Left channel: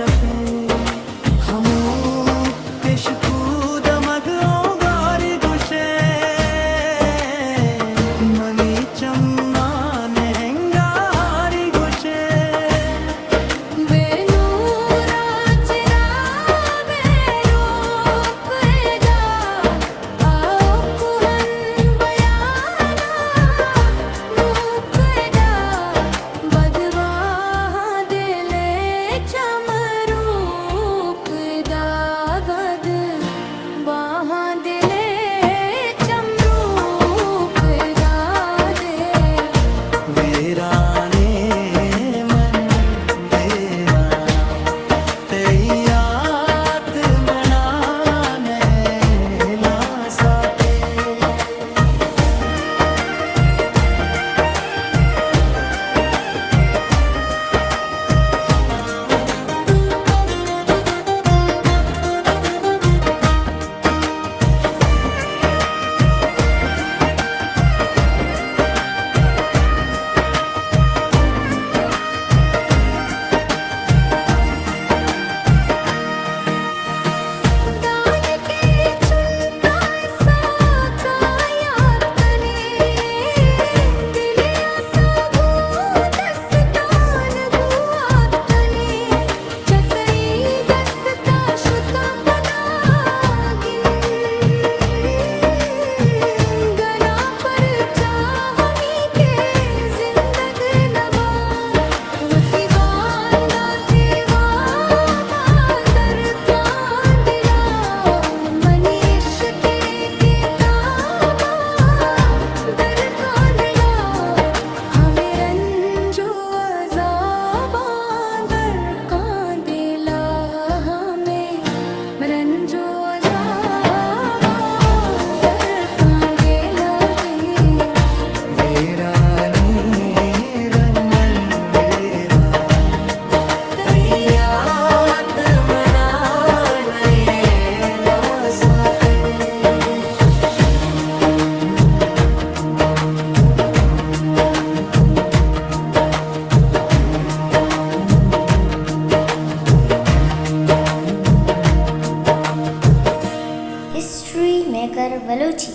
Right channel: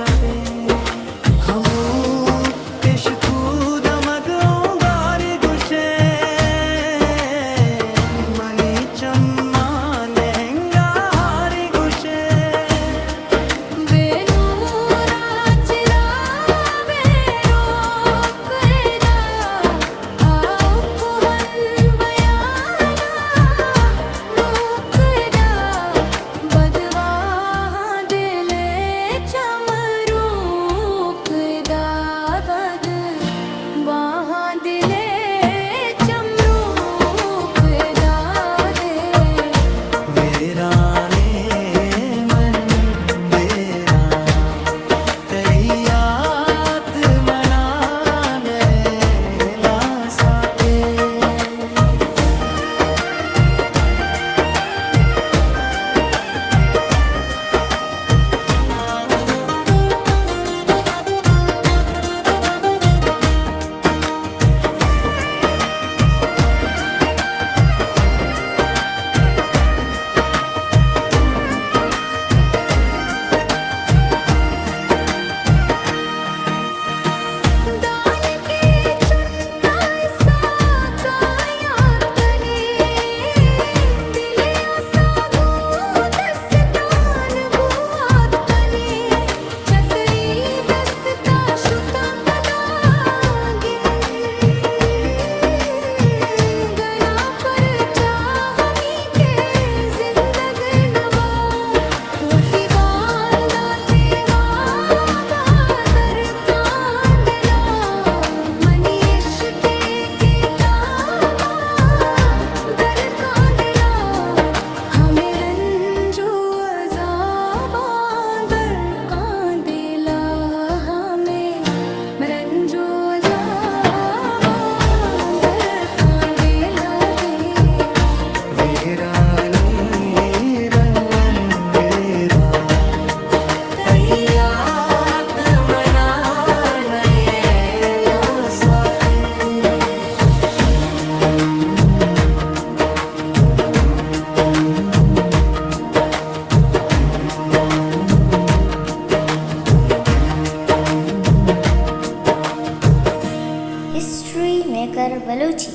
छपे हमू पेश कूद मगों गारी गुशे मनी चम्मा लहंगा हारी गुशे बेनूरा चिरा बेरोक दा आओ कुहन बयाना नूक दा बदवा दिले चमरूक दा बद वहाँ दिले चमरूक दा दे वीराने मन वीराना तैयात मनाने ला साथे दान के चुनता सा कायात कने दिलिया सा गो दस्तान गुआत कने चतई दस्ता शुता पदागिन गना पर चाहमी के जिंदग नबा वटी बांदा ते बादर कांदिला मनीष के किताबा दर कांदिला हमें रंजो अज़ाबा दर कांदिला हमें रंजो अज़ाबा दर कांदिला दे वीरानी रंगन वीरा तैयात मनाने ला साथे हिस्ट्री मेकर बलूची।